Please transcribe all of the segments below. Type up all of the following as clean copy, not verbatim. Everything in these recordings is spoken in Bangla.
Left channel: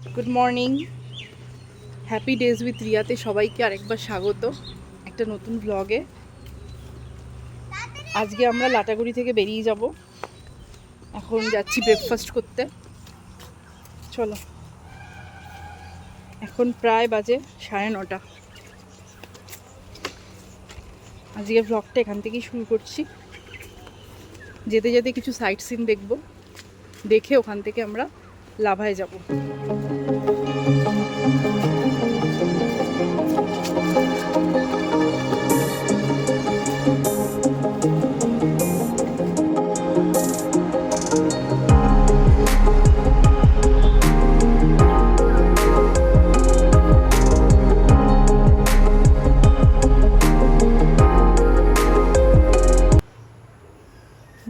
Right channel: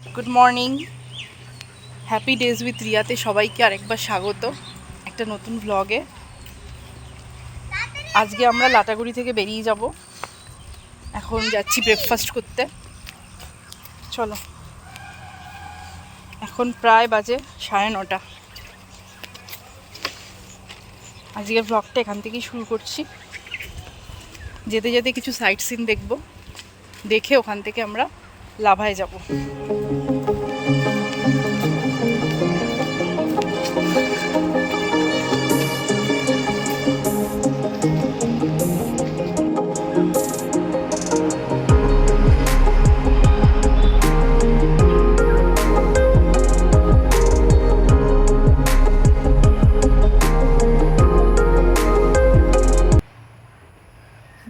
Good morning, happy days with রিয়াতে সবাইকে আরেকবার স্বাগত একটা নতুন ভ্লগে। আজকে আমরা লাটাগুড়ি থেকে বেরিয়ে যাব। এখন যাচ্ছি ব্রেকফাস্ট করতে। চলো, এখন প্রায় বাজে 9:30। আজকের ভ্লগটা এখান থেকেই শুরু করছি। যেতে যেতে কিছু সাইট সিন দেখব, দেখে ওখান থেকে আমরা লাভায় যাব।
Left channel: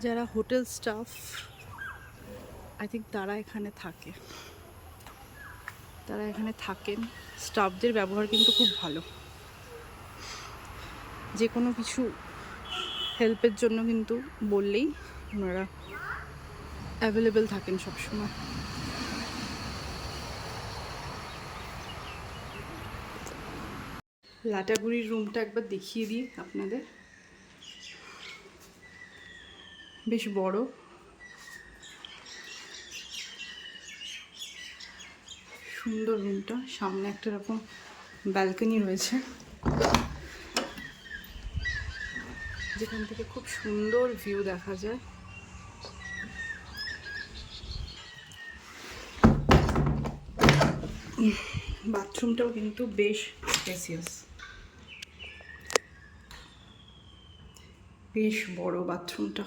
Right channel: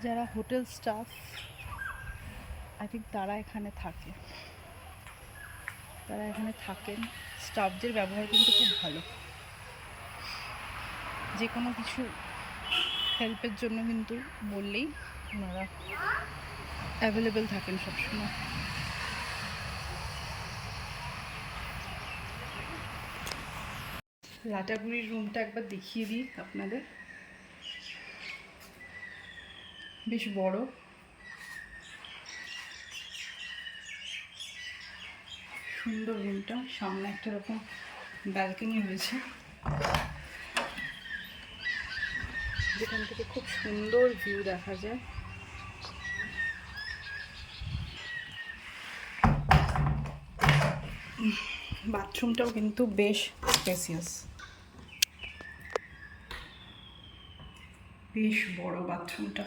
যারা হোটেল স্টাফ আই থিঙ্ক তারা এখানে থাকেন। স্টাফদের ব্যবহার কিন্তু খুব ভালো। যে কোনো কিছু হেল্পের জন্য কিন্তু বললেই ওনারা অ্যাভেলেবেল থাকেন সবসময়। লাটাগুড়ির রুমটা একবার দেখিয়ে দিই আপনাদের। বেশ বড়, সুন্দর রুমটা। সামনে একটা রকম ব্যালকনি রয়েছে, যেখান থেকে খুব সুন্দর ভিউ দেখা যায়। বাথরুমটাও কিন্তু বেশ স্পেসিয়াস, বেশ বড় বাথরুমটা।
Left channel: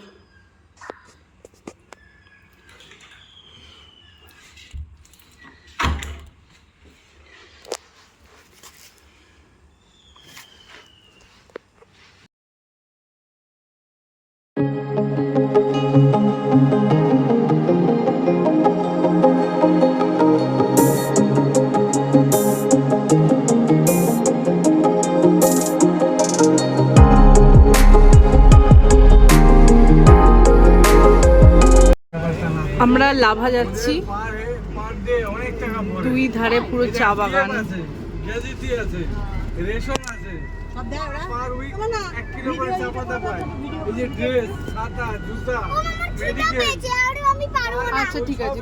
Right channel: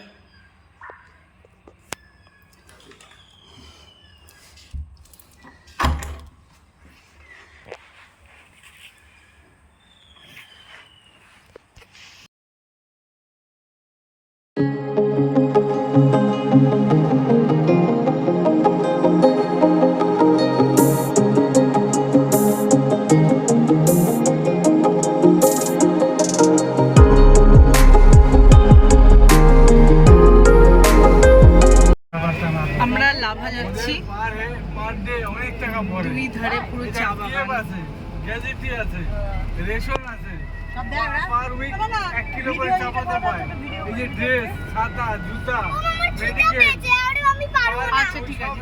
আমরা লাভা যাচ্ছি, দুই ধারে পুরো চা বাগান। আচ্ছা ঠিক আছে,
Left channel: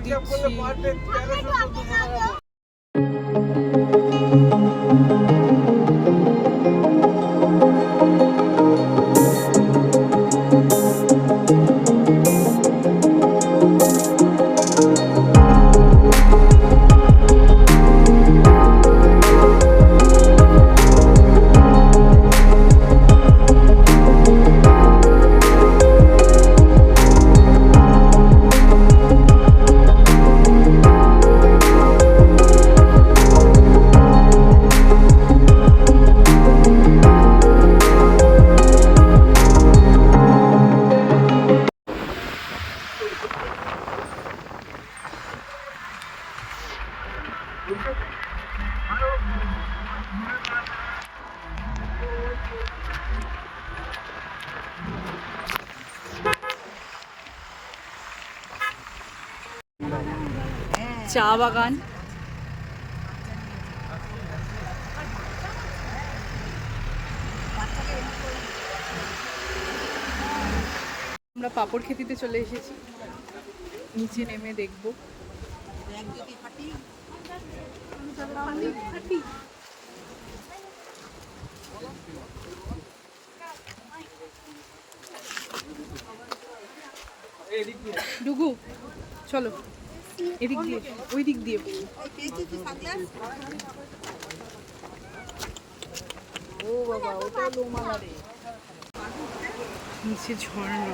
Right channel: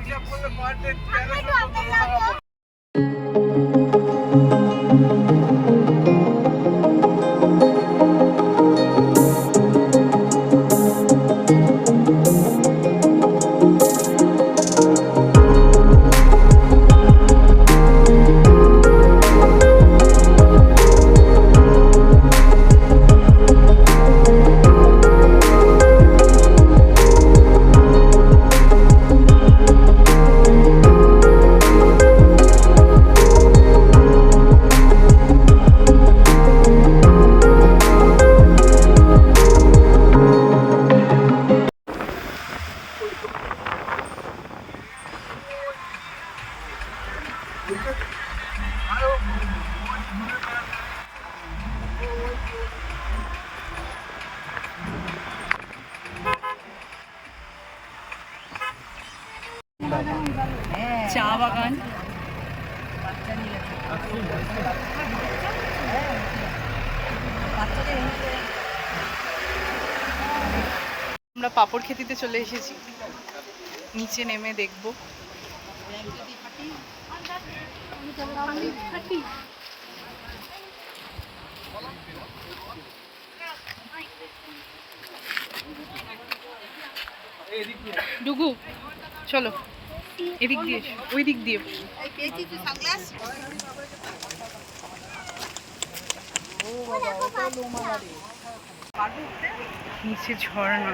চা বাগান। আমরা পাপড় খেতিতে চলে এসেছি, নিচে নেমে দেখব। ডুগু চলো, এদিক দিয়ে, ওই দিক দিয়ে। নিচে ঝর্ণা।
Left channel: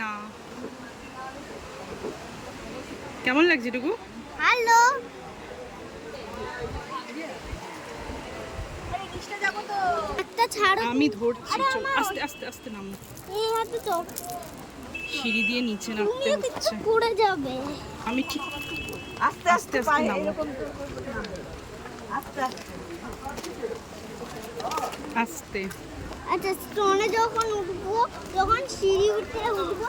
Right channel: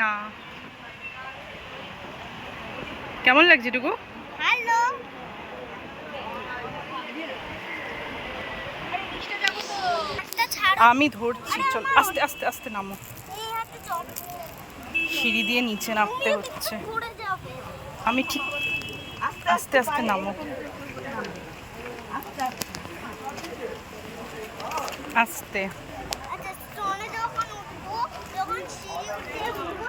না, কেমন লাগছে ডুগু? হ্যালো, আমি ধরছি, চল আস্তে আস্তে আস্তে নামো। সিঁড়ি দিয়ে নিচে নামতে হচ্ছে। আমি ঠিক আস্তে আস্তে নামো, আস্তে। আচ্ছা, স্টোনে যখন উঠবো, যখন সিঁড়ি উঠে উঠবো,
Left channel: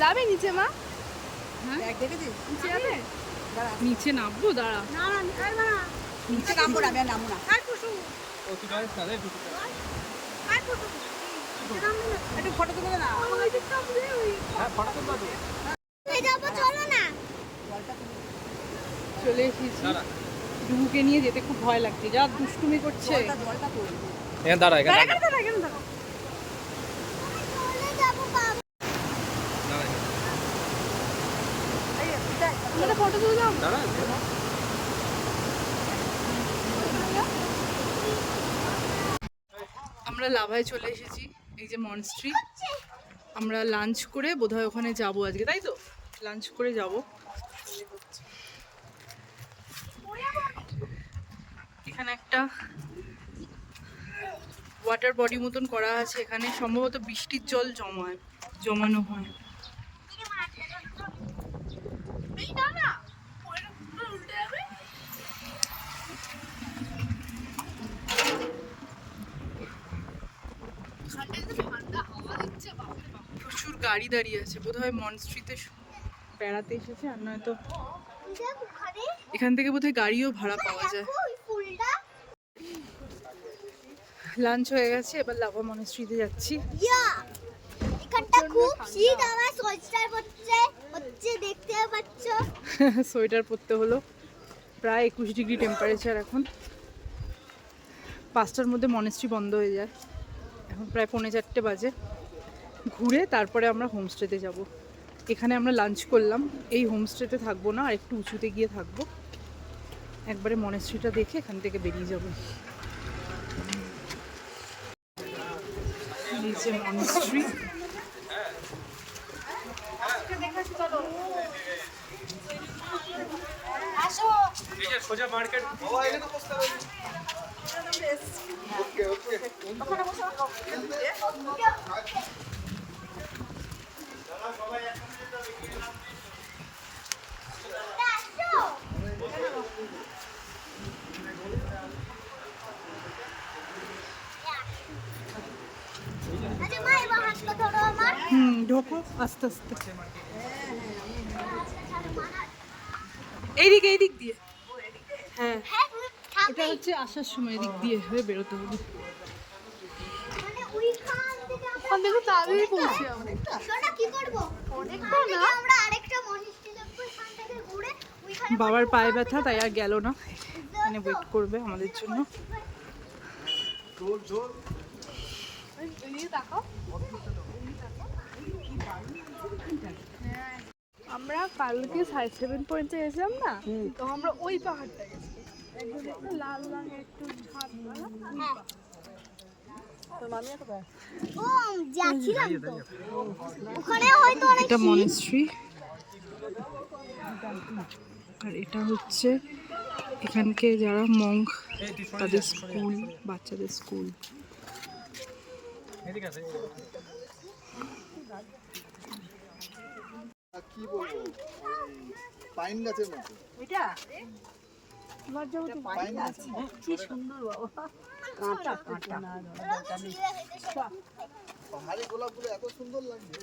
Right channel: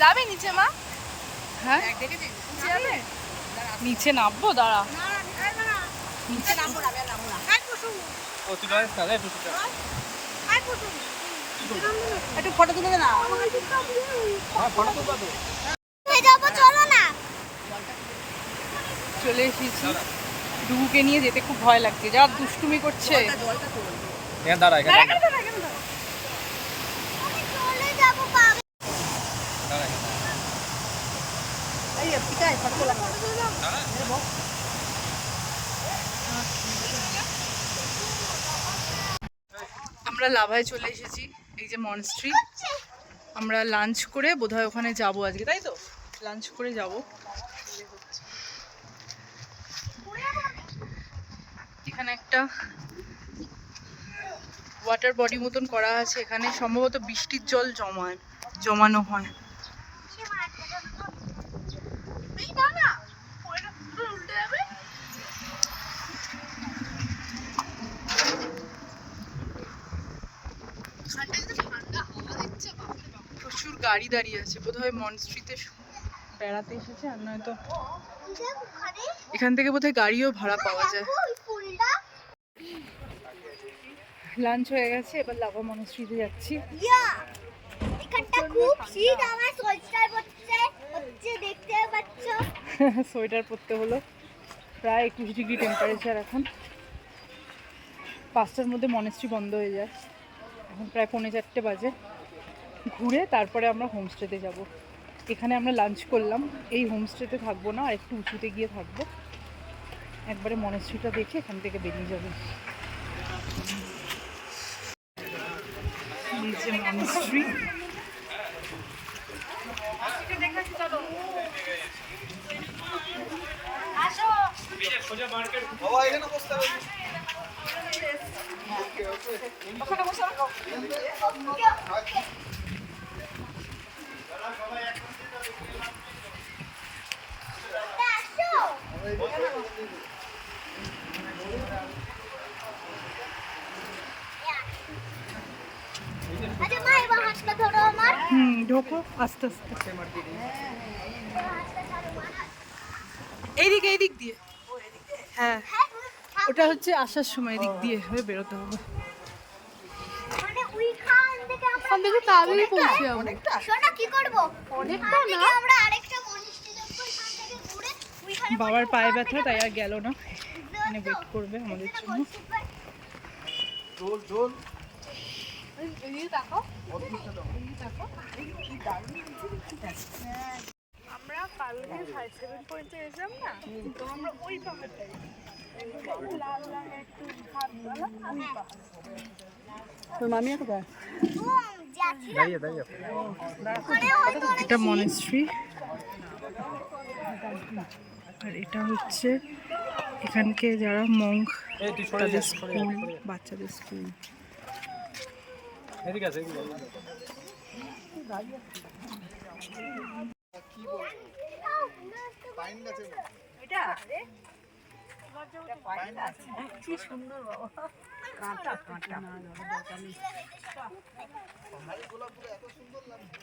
যাবে নিচে মা? হ্যাঁ নিচে যাবে, নিচে নামবো, দাঁড়া নিচে নামবো না, নামবো না। ও তুই ড্রাইভ কর, একটু ফটো তুলে দে না। হ্যাঁ ফটো তুলে দে, যাবো চলো না। চলে এসেছি, ডুবুকে নিয়ে যেতে খুব ভয় লাগছে, যা দুষ্টুমি করছে। এখানে দাঁড়া, এখানে দাঁড়া, চলে যাবো পাবে, দাঁড়া এখানে দাঁড়া, ফটো তুলে নাও, দাঁড়া। আমরা লাভায় চলে এসেছি, এই যে মনস্ট্রি। আমরা লাঞ্চ করে বোধহয় ওখানে যাব আজকে, তাই তো? লাঞ্চ করে যাব। এখানে একটা ওয়াটার বডি মতন করা আছে, এখানে সম্ভবত বৃষ্টির জল জমানো হয়। প্রচুর গাড়ি দাঁড়িয়ে আছে, বোধহয় মনস্ট্রিতে বেড়াতে এসেছে, আর নয়তো এখান থেকে বোধহয় গাড়িও ভাড়া পাওয়া যায়। লাঞ্চ হয়ে গেছে, এবার লাভা মনস্ট্রিতে যাচ্ছি। সোয়েটার পরতে হলো, প্রায় 21 ডিগ্রি টেম্পারেচার এখন। 5টার মধ্যে মনস্ট্রি বন্ধ হয়ে যায়, এখন প্রায় 3:45 বাজে। ঘুরে তারপরে আমরা হোমস্টেতে যাব। এখানে আমরা লাঞ্চ করলাম, এই হোমস্টেতে থাকবো না, আর একটু উঁচুতে গিয়ে থাকবো। একবারে মনস্ট্রিটা দেখে এখান থেকে বেরিয়ে যাবো। এই যে মনস্ট্রি, সোজা মার্কেট। ঢোকো আস্তে আস্তে, এইদিক এইদিক দিয়ে। হ্যাঁ ওটা হচ্ছে আসার সময় এদিক দিয়ে হয়ে বেরোতে হবে। বাবার পায়ে ব্যথা, তাই আর গেল না, এখানে ওয়েট করবে আমাদের জন্য। আমরা কালকে 7:30 পর্যন্ত এসেছিলাম না, তো আমরা ওই পাহাড়টায় লাল লাল একটু ঘাটওয়ালা ওই পাহাড়। তোর মামি কোথায়? এটা মনেস্ট্রি, আর এটা হচ্ছে এখানকে যারা মঙ্ক তাদের স্কুল, বাচ্চাদের স্কুল। পাইন গাছের মতো এটা, কি সুন্দর বাবা, কাঁটা কাঁটা পাহাড়ি গোলাপগুলো এত সুন্দর লাগছে।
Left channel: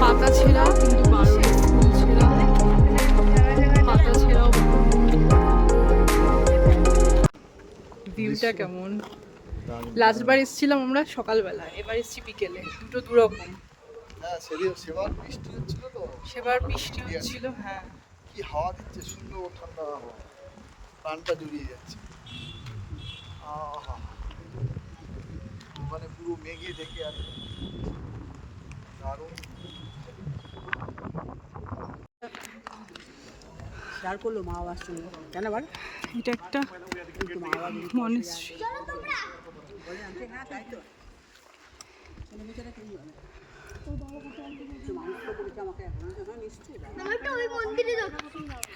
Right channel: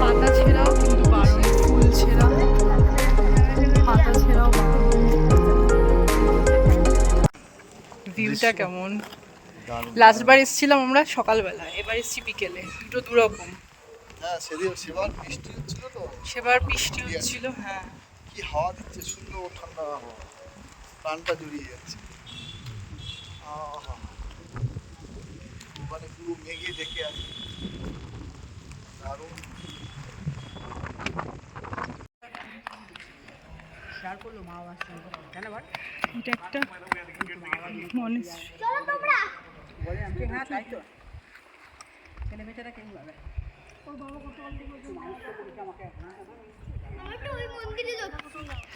পাতা ছেঁড়াও কিন্তু বারণ, ফুল ছেঁড়া পাতা ছেঁড়াও বারণ। ভিউটা কেমন? লাস্ট বার এসেছিলাম আমরা সকালবেলা, এবার এসেছি বিকেলে, দুটো দুরকম। হ্যাঁ সেবার বৃষ্টি হচ্ছিল তো, সেবার বৃষ্টি হচ্ছিল। হ্যাঁ কি হাওয়া দিচ্ছে, সুন্দর ঠান্ডা হাওয়া, প্রাণটা জুড়িয়ে যাচ্ছে। মানে পুরো মেঘে দেখে আছে। এটা একটা মনেস্ট্রি।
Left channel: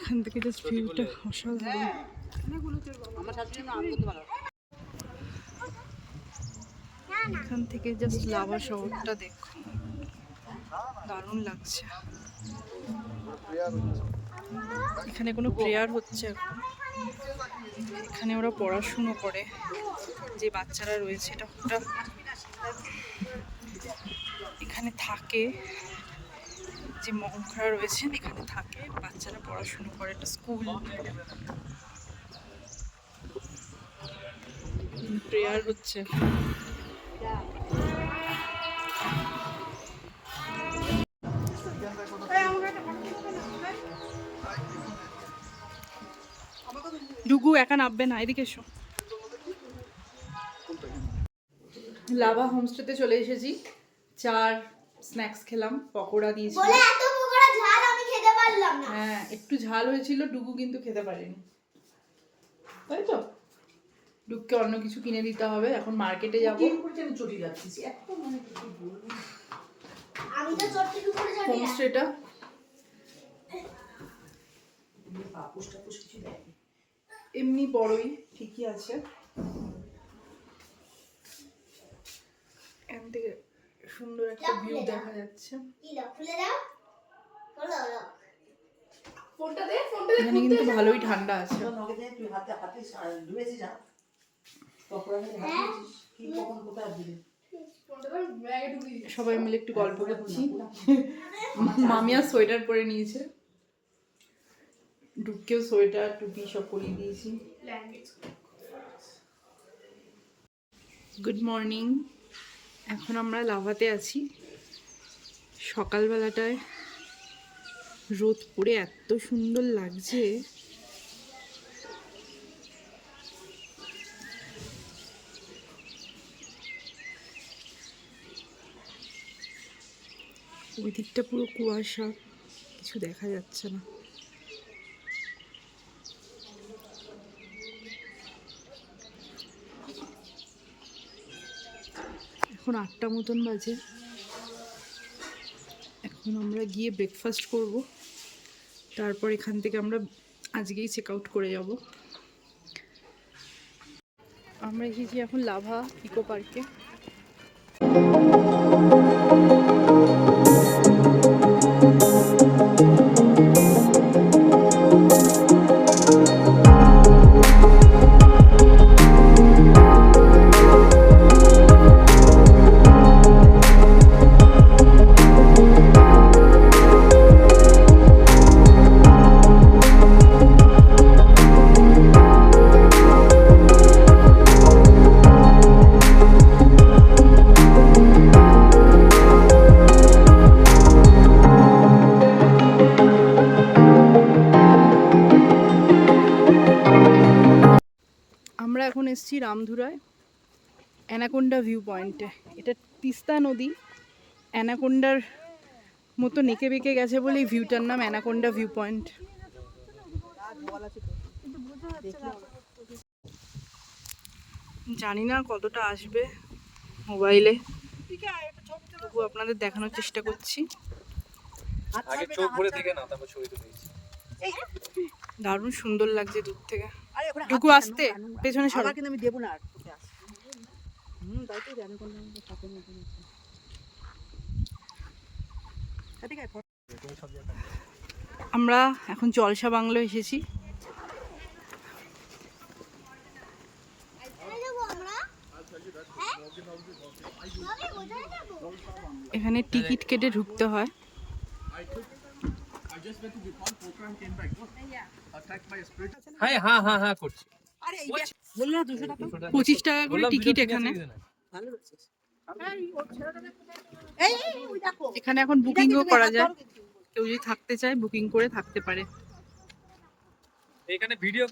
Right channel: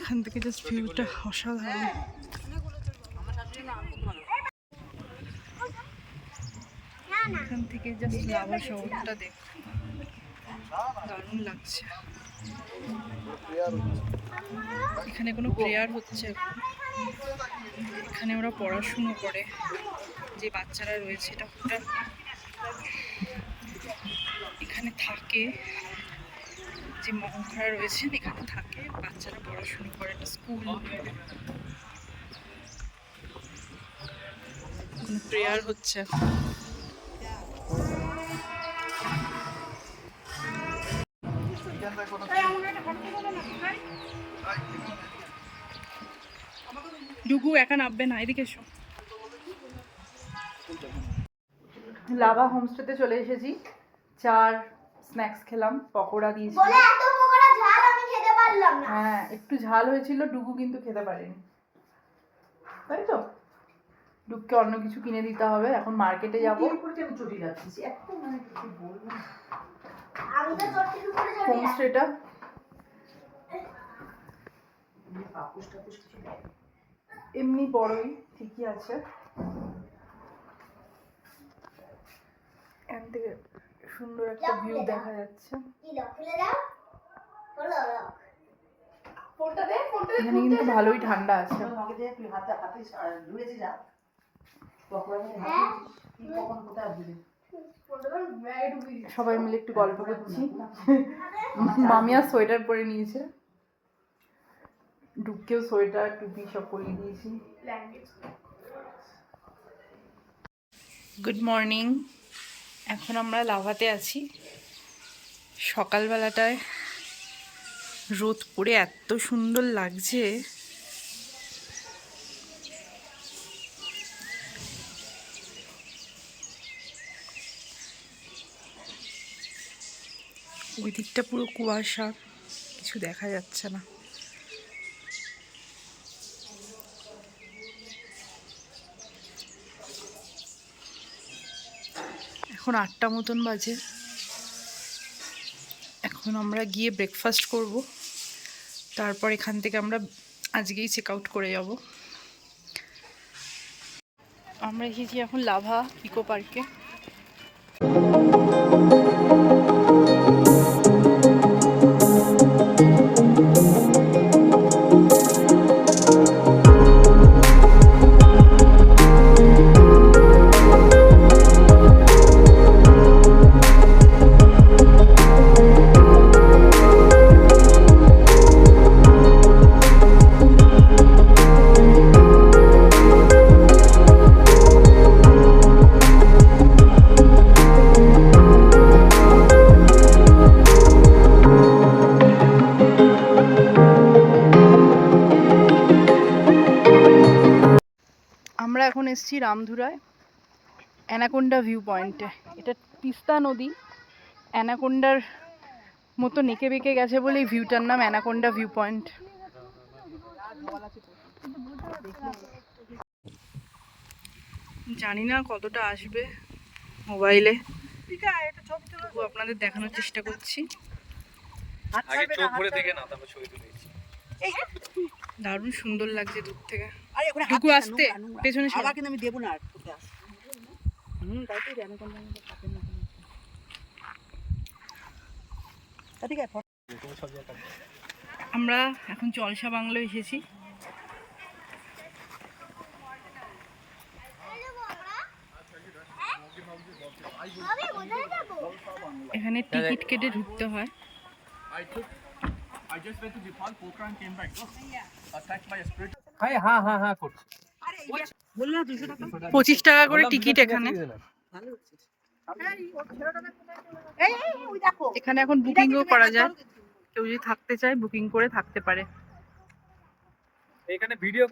এখান থেকে জাস্ট ভিউটা অসাধারণ। এখান থেকে জাস্ট লাভা শহরটা দেখো, দারুণ লাগছে। এখানে কোনো প্রেয়ার হচ্ছে এখন, এখানে ওরা পড়াশুনো করে, যে বাচ্চারা রয়েছে এটা পুরো এখানে থাকে, যে মঙ্করা রয়েছেন এখানে থাকে, বাচ্চারা পড়াশুনো করে, একটা স্কুল। প্রেয়ার হচ্ছে। ডুগু একা নামবে না, এদিকে এসো। লাভা হোমস্টেতে চলে এসেছি, চার স্ন্যাক্স খেলাম, পকোড়া দিয়েছিল। হ্যাঁ একটু ঝাল হয়েছিল, ডুগু কিন্তু খেতে পারেনি, তাই তো। ডুগকে অন্য কিছু কিনে দিতে হবে, এখন মার্কেটে যাবো। হোমস্টেটা এমনি বড়ই, ঠিকই আছে। এখান থেকে সুন্দর একটা ভিউ দেখা যাচ্ছে। এখানে কিন্তু ভালোই ঠান্ডা আছে। সবাই মিলে একটু গল্প করছি। মামিয়া সোয়েটার পরে নিয়েছে, ডুবকেও সোয়েটার টুপি সব পরিয়ে দিয়েছি। গুড মর্নিং, এখন আমরা লাভাতে আছি। সকালবেলাটায় রোদ পড়ে এত সুন্দর লাগছে। ওই দিকটা পুরো কুয়াশা, কিছু দেখা যাচ্ছে না। এখন 8টা মতন বাজে। এখন আমরা গিয়ে ব্রেকফাস্ট করব, তারপর এখান থেকে আমরা আজকেই চেক আউট করে যাব। আমরা এসেছি এখন লাভা ইকো পার্কে। আমরা এখন এসেছি রামধুরায় অ্যানাকোন্ডা ভিউ পয়েন্টে। এটা তিস্তা নদী, অ্যানাকোন্ডার মতো নেকে বেঁকে গেছে বলে এই ভিউটার নাম অ্যানাকোন্ডা ভিউ পয়েন্ট। জানি না কতটা আসবে মোবাইলে, তবু আপনাদের দেখানোর চেষ্টা করছি। দারুণ সুন্দর লাগছে দূর থেকে। টুকু আসতে পেছনে সরা, কিন্তু আমি দেব না। আমরা এখন জলসা বাংলো এসেছি। এখানে টিকিট কেটে ঢুকতে হয়। হ্যাঁ হ্যাঁ হ্যাঁ হ্যাঁ করছি। 25 টাকা করে টিকিট এখানে। এখানে এখন বুকিংও করা যায়, কেউ যদি থাকতে চায় বুকিং করে থাকতে পারে। এখানে ভিডিও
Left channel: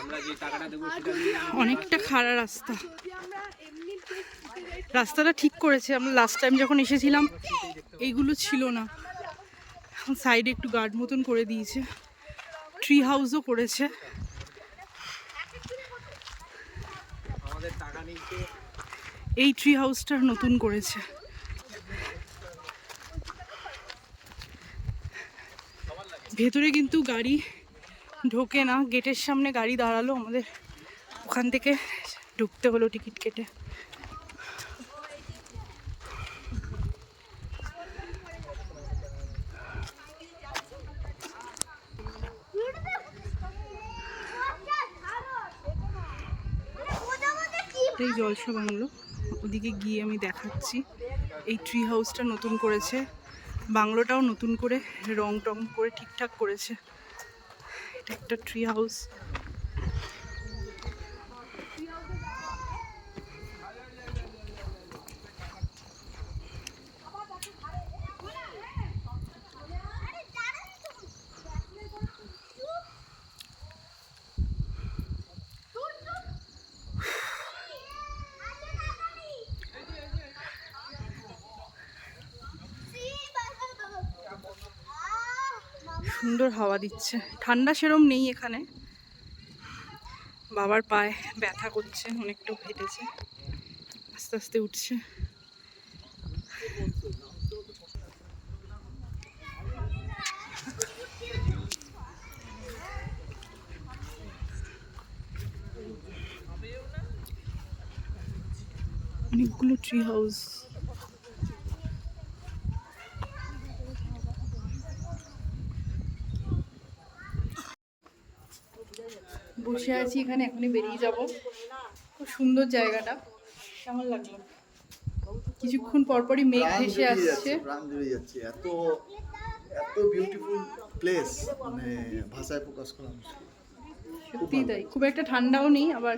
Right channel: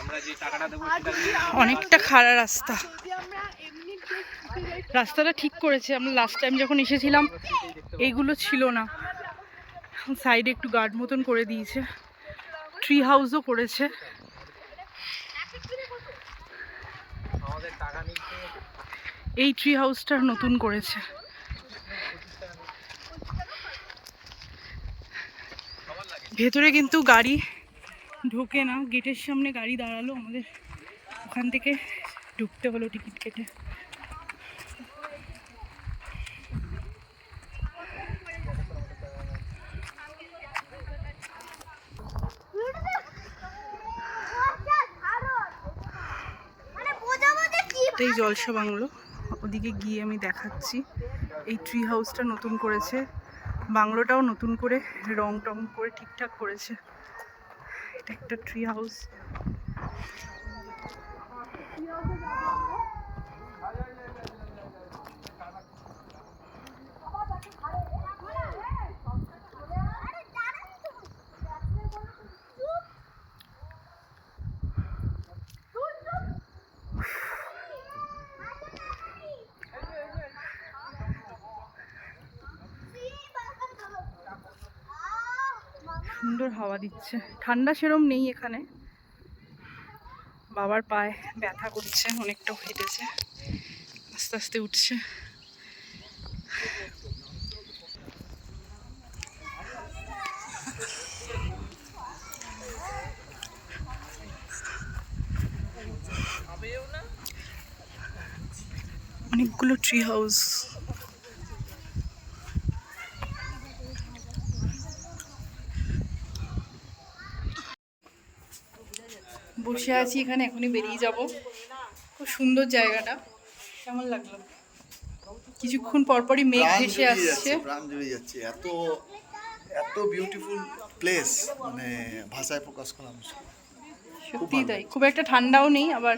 আমরা যে টাকাটা দেব সেটা অনেকটা খাড়া রাস্তা, রাস্তাটা ঠিক করেছে। আমরা লাস্ট টাইম যখন এসেছিলাম এইগুলো ছিল না, সাইডে একটু গার্ড মতন করে দিয়েছে, ট্রি হাউসও করেছে। আমাদের টাকা এই ট্রি হাউসটা নতুন করেছে। ভেতরে কিন্তু গাড়ি ঢোকে না, গেটের সামনে গাড়ি দাঁড়ালো, আমাদের ওখান থেকে ঢুকতে হলো টিকিট কেটে। এই জলসা বাংলো, ওদিকে গিয়ে আমি দেখাচ্ছি। এই ট্রি হাউসটা নতুন করেছে, বাংলোটাও নতুন করে রং টং করে ঠিকঠাক করেছে। এটা একটা ট্রি হাউস। সুন্দর হাওয়া দিচ্ছে, ঠান্ডা সেরম নেই এখানে। বাবার পায়ে ব্যথা করছে, অনেকটাও হেঁটেছে, আস্তে আস্তে উঠছে। অনেকগুলো ট্রি হাউস। বসে আছি এখানে, এখনই বেরিয়ে যাব। খুব সুন্দর জায়গাটা, কেমন লাগলো? কিছুক্ষণ পরপরই মেঘ ভেসে আসছে, প্রাণ জুড়ে যাচ্ছে। এত এত বিউটিফুল প্লেস, মানে ভাষায় প্রকাশ করা মুশকিল। সত্যি তাই, খুব একটা ঠান্ডাও নেই, আবার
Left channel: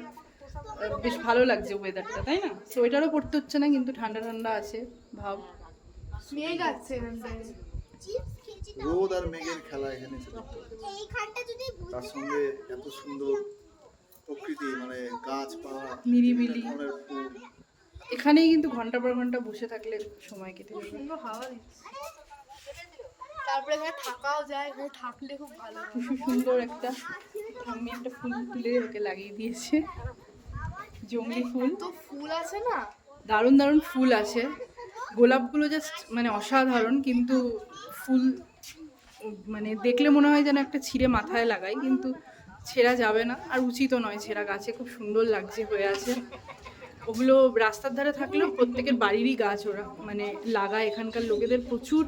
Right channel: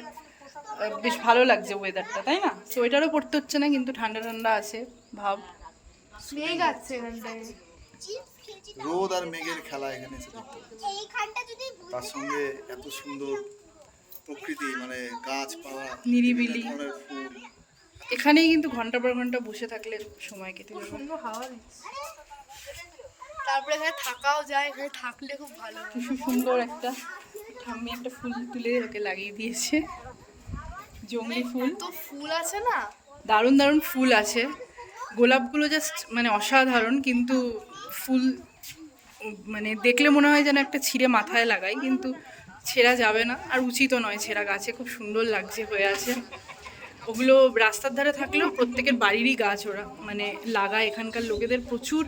বেশ ভালো লাগছে ওয়েদারটা, তাই না? সোয়েটারও পরতে হচ্ছে না, কিন্তু ঠান্ডা ঠান্ডা আছে ভাব। মেঘ আছে এখানটায়, রোদ আর মেঘের খেলা এখানে এসে দেখতে পাচ্ছি। তার সঙ্গে এত সুন্দর প্রকৃতি, মানে গাছপালা, নিরিবিলি। বিভিন্ন ধরনের ফুল। এখানেই কিন্তু ঘন্টা পর ঘন্টা বসে থাকলে সময় কেটে যাবে। সুন্দর হাওয়া দিচ্ছে, তারপরে এখানে থাকাও যায়, এখানে থাকলে খুব ভালো। খুব সুন্দর একটা ঠাম্মি একটা ফুল তুলে ওকে লাগিয়ে দিয়েছে, জংলি ফুল। তো ফুল আছে না, দারুণ দারুণ ফুল আছে, গোলাপগুলো জাস্ট মানে অসাধারণ। কিন্তু ফুল মানে দেখলে মনে হয় যেন একটা ছিঁড়ে মাথায় লাগাই, কিন্তু ছেঁড়া যাবে না, আর উচিতও নয় ছেঁড়া। গাছে খুব সুন্দর লাগছে হয়ে আছে। ওগুলো রাস্তার ধারে থাকলেও প্রত্যেকের বাড়িরই গাছ ওরা মানে লাগায়। এখানকার লোকেদের প্রচুর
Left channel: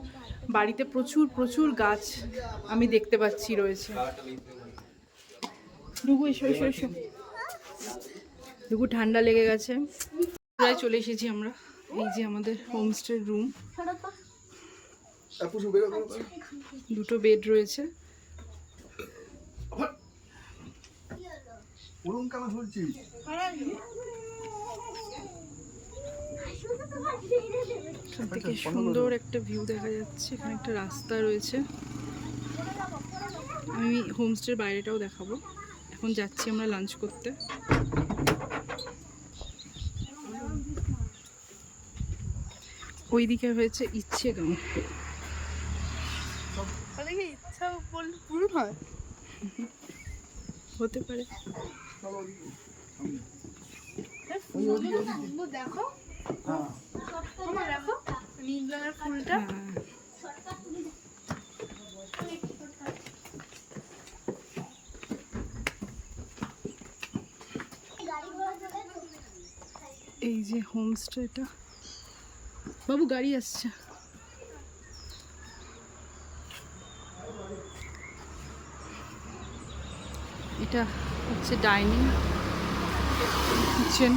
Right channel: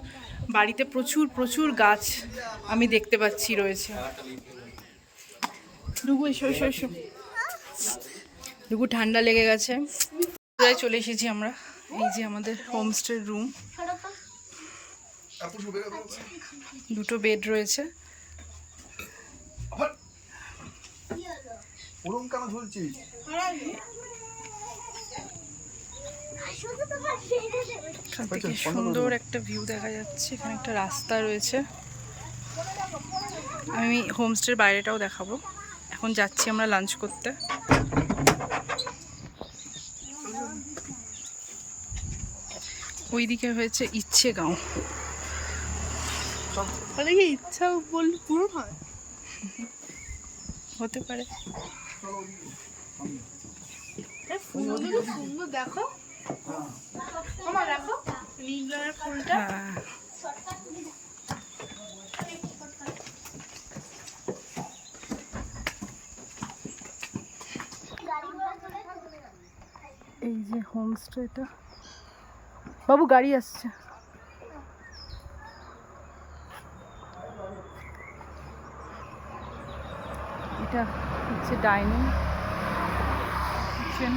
বাড়িতে প্রচুর প্রচুর গাছ আমি দেখতে পাচ্ছি রয়েছে। ডুগু এসো এসো এসো, ডুগু ঠান্ডা লেগে গেছে। প্রায় চলে এসেছি আমরা, এই যে আমাদের হোমস্টে রুম। দুটো বেড রয়েছে। এখান থেকে সুন্দর একটা ভিউ দেখা যাচ্ছে, এখানে একটা রাস্তা রয়েছে। আমি হোমস্টের বাইরেটাও দেখাবো। এখন যাচ্ছি আমরা লাঞ্চ করতে। ওইদিকে হয়েছে ইচ্ছে গাঁও। মানে কি ইচ্ছা বললে পূরণ হয়? হতে পারে। ফুলগুলো সুন্দর, দেখো আমার, দেখো নীল রঙের ফুলটা। হ্যাঁ, এই যে হোমস্টেটা। বাবু গাড়ি আসছে। এটা হচ্ছে ডাইনিং কিচেন।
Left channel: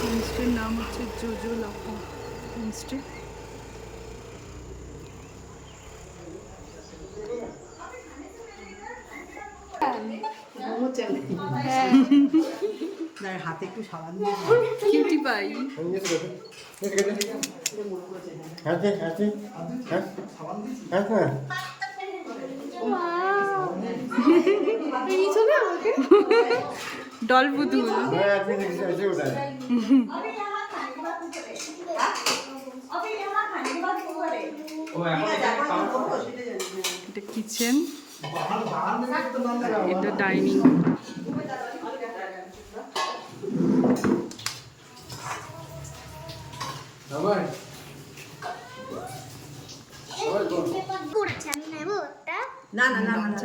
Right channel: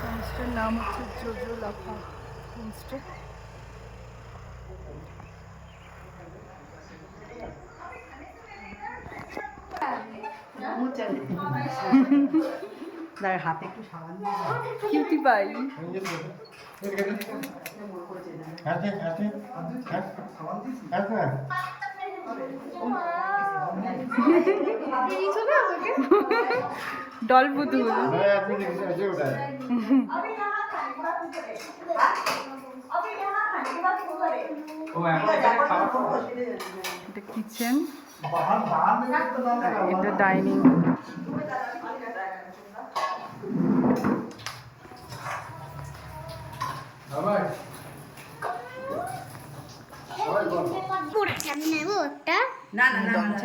হোমস্টের নাম হচ্ছে জোজো লাফা হোমস্টে। হাতে একটু সাবান দিয়ে কিউটি পাই। ডল পুতুল। এটা কিচেন, এটা ডাইনিং।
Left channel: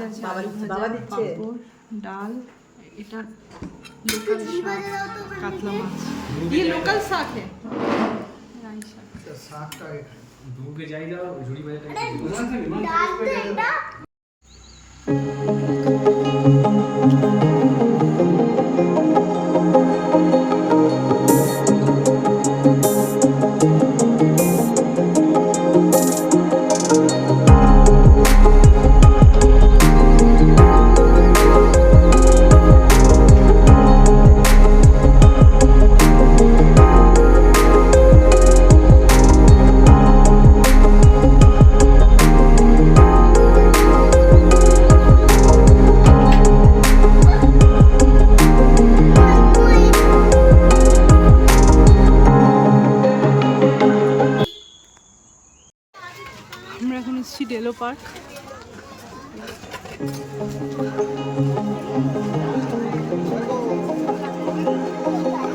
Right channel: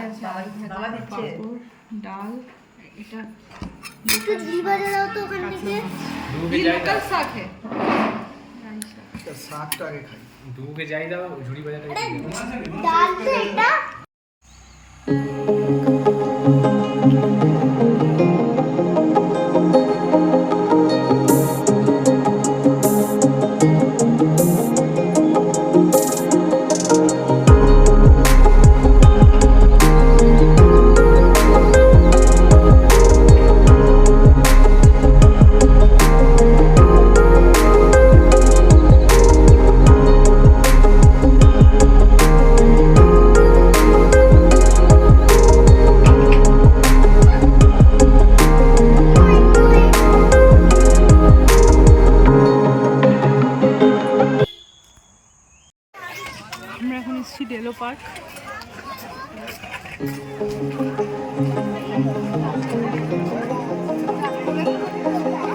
আছে আলু ভাজা, পাঁপড়, ডাল। এটা লোকাল কাতলা মাছ। ये लोकल শাক है, রাই শাক। শাকটা আগে খাই। দুকে যাই দাও ঝুড়ি বাজাটা। আমরা এখন এসেছি ডেলো পার্ক।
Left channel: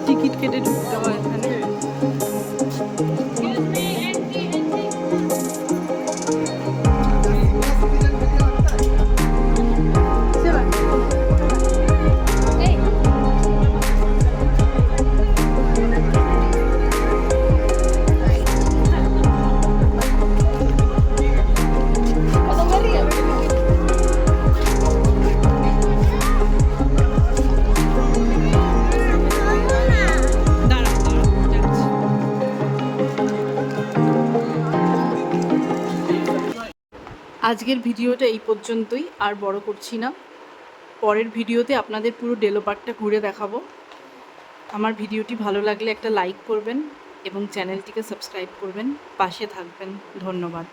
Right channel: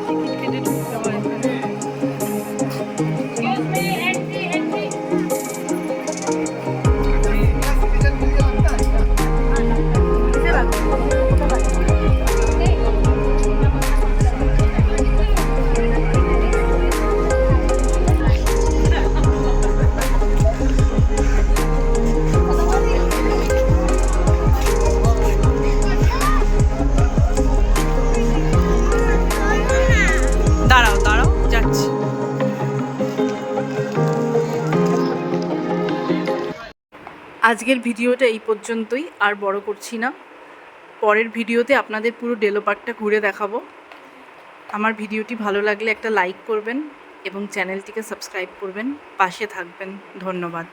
টিকিট কেটে ঢুকতে হয় এখানে। দাঁড়াও দাঁড়াও, যাচ্ছি। আজকের ভিডিওটা এই পর্যন্তই, আর বড় করছি না। পরের ভিডিওতে আপনাদের পুরো ডেলো পার্কটা ঘুরে দেখাবো। আমার ভিডিওটি ভালো লাগলে একটা লাইক করবেন এবং চ্যানেলটিকে সাবস্ক্রাইব করবেন, পাশে থাকবেন। ধন্যবাদ।